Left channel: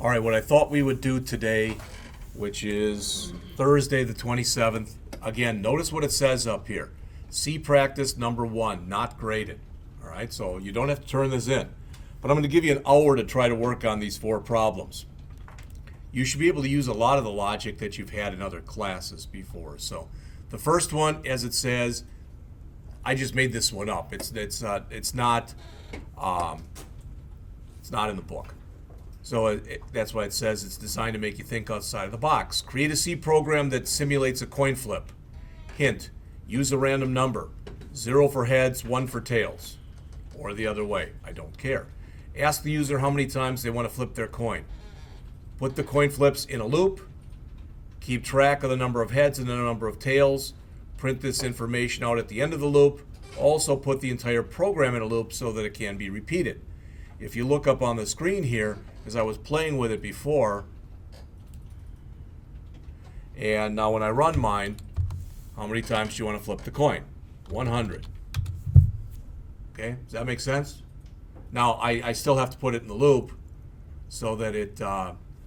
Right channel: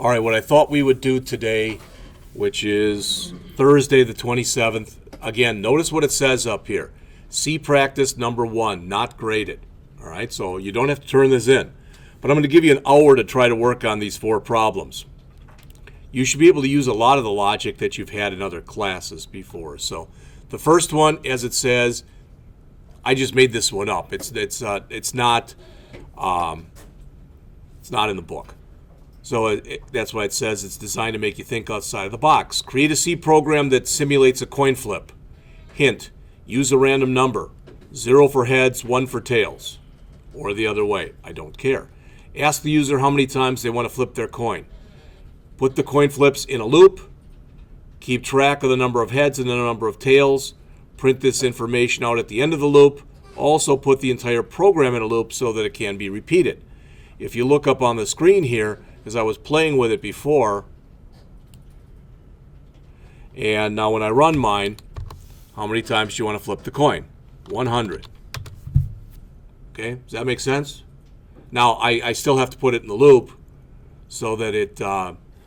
All right, what I thought we would do today, which is Thursday the 27th, again, notice what it says up here. See practice number 1, not graded. All right, so you don't have to turn this in. But I'm going to give you an hour to try to work on these 4 problems. You should be able to use a lot of the logic that you've had in other classes before. So the first one, as it says, I just made this one up. It's not in the book. So that's why it says it's designed to make you think outside of the box. Create a C program that simulates a coin flip. Hint, use a random number. 0 for heads, 1 for tails. Or the other way, I don't care. Ask the user how many times they want to flip their coin. Put the coin flips in a loop. Keep track of the number of heads and the number of tails. Print this information out at the end of the loop. Also put the entire program in a loop so that it can be repeated. If you look up on the screen here, because I was playing with it before, and now when I run mine, how many times do you want to flip the coin? 100. Okay, does that make sense? Now, I still have to put it in the loop so that it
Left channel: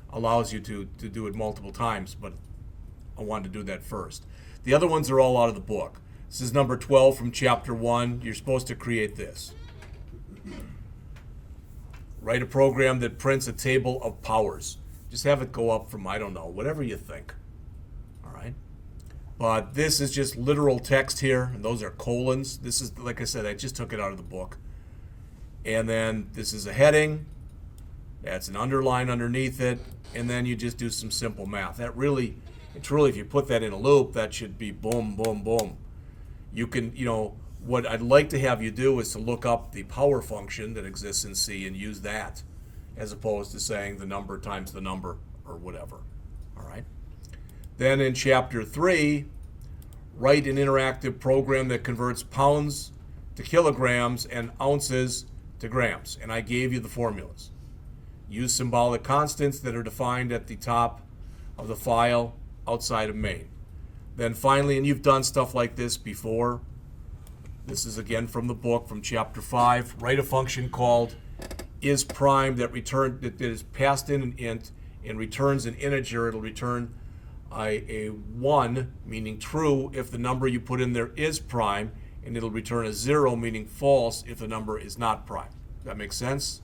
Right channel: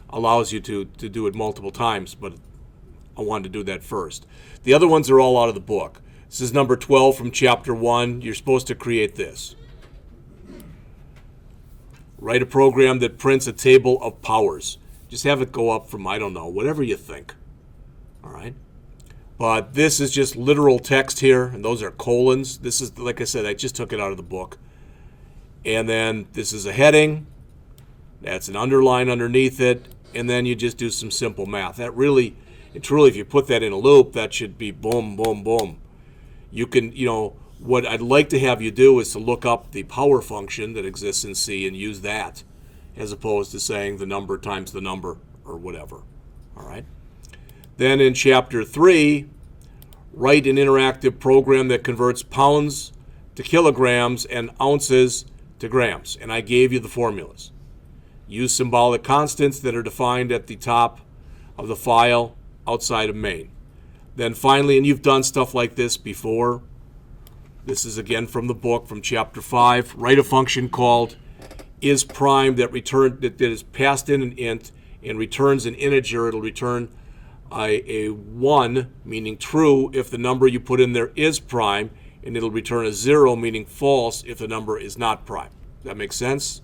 allows you to do it multiple times, but I wanted to do that first. The other ones are all out of the book. This is number 12 from chapter 1. You're supposed to create this. Write a program that prints a table of powers. Just have it go up from, I don't know, whatever you think. All right? But this is just literal text here, and those are colons. This is, like I said, I just took it out of the book. And then this is a heading. That's an underline underneath it. And then you just do some simple math. That really, truly, if you put that in a loop, that should be boom, boom, boom. You can, what I'd like to have you do is to look up the power function that exists in C and use that as opposed to saying the number times the number or whatever. All right. Then in chapter 3, write an interactive program that converts pounds to kilograms and ounces to grams. And I gave you the formulas. Use symbolic constants that are defined at the top of the file outside of main. Then finally, and you've done stuff like this before, this is again from the book, from chapter 5, write a function called isPrime that is passed in an int and returns an integer. It'll return a 1, meaning true, if the number you put in there is prime, and it'll return a 0, meaning false, if the number is not prime. Does that make sense?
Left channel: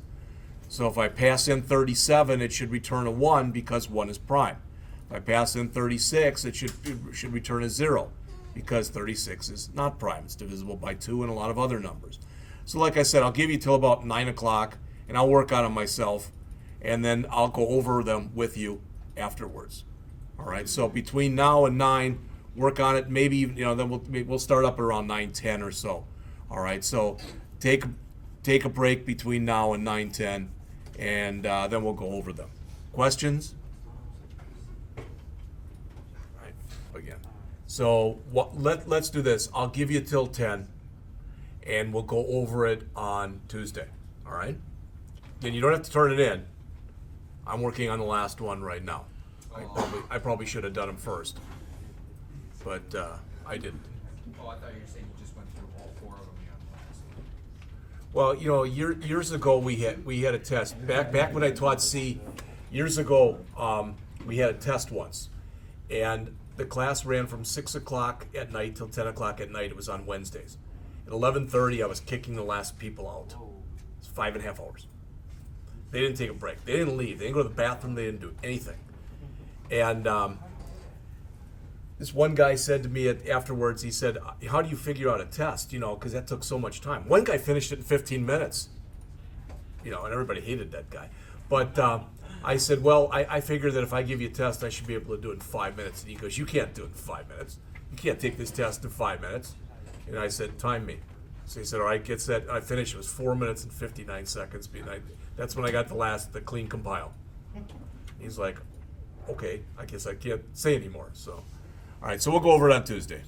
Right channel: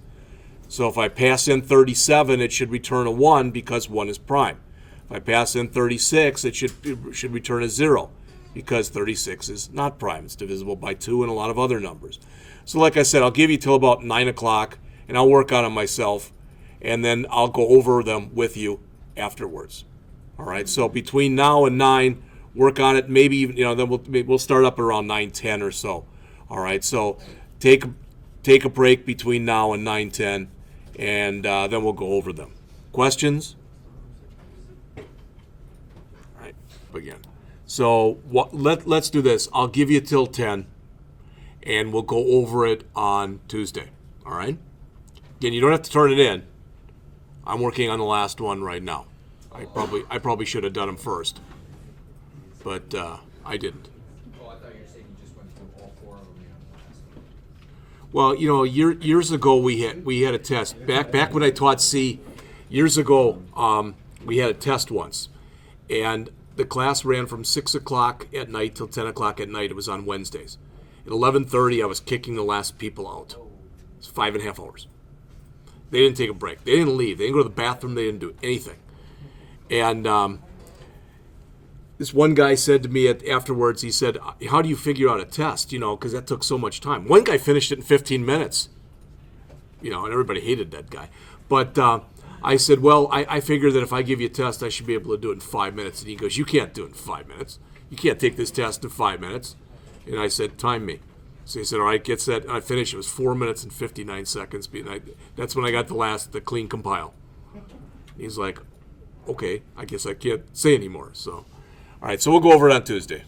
So if I pass in 37, it should return a 1 because 1 is prime. If I pass in 36, it should return a 0 because 36 is not prime. It's divisible by 2 and a lot of other numbers. So like I said, I'll give you till about 9 o'clock, and I'll work on it myself, and then I'll go over them with you afterwards. All right, so between now and 9, work on it. Maybe even, then we'll start up around 9:10 or so. All right, so take a break between now and 9:10, and then we'll go over them. Questions? All right, again. So let's do this. I'll give you till 10, and we'll go over it on Tuesday. All right? Again, you don't have to turn it in. I'm working on the last one right now. I probably should have done them first, but I didn't. Oh, I thought you were saying you just went through all 4 of them on last. Well, years ago we had a test. Back when I taught C, years ago we had a test once, and the class ran from 6 o'clock at night till 10 o'clock at night. It was on Wednesdays. At 11:30, I was kicking the last people out. It was 5.5 hours. They didn't take a break. They didn't leave. They didn't go to the bathroom. They didn't do anything. And this one guy said to me afterwards, he said, how do you figure out a test? Because that took so much time. One guy finished it in 15 minutes. And everybody hated that guy. But I said, well, I figure that if I give you a test, I should be able to do it in 5 minutes. And he goes, you can't do it in 5 minutes. You can't take this test in 5 minutes. And I said, time me. So he said, all right, get set. And I finished. It was 4 minutes and 59 seconds. That's when I got the clean compile. He's like, okay, I guess I can't say anymore. So, all right, so we'll go over it on Tuesday.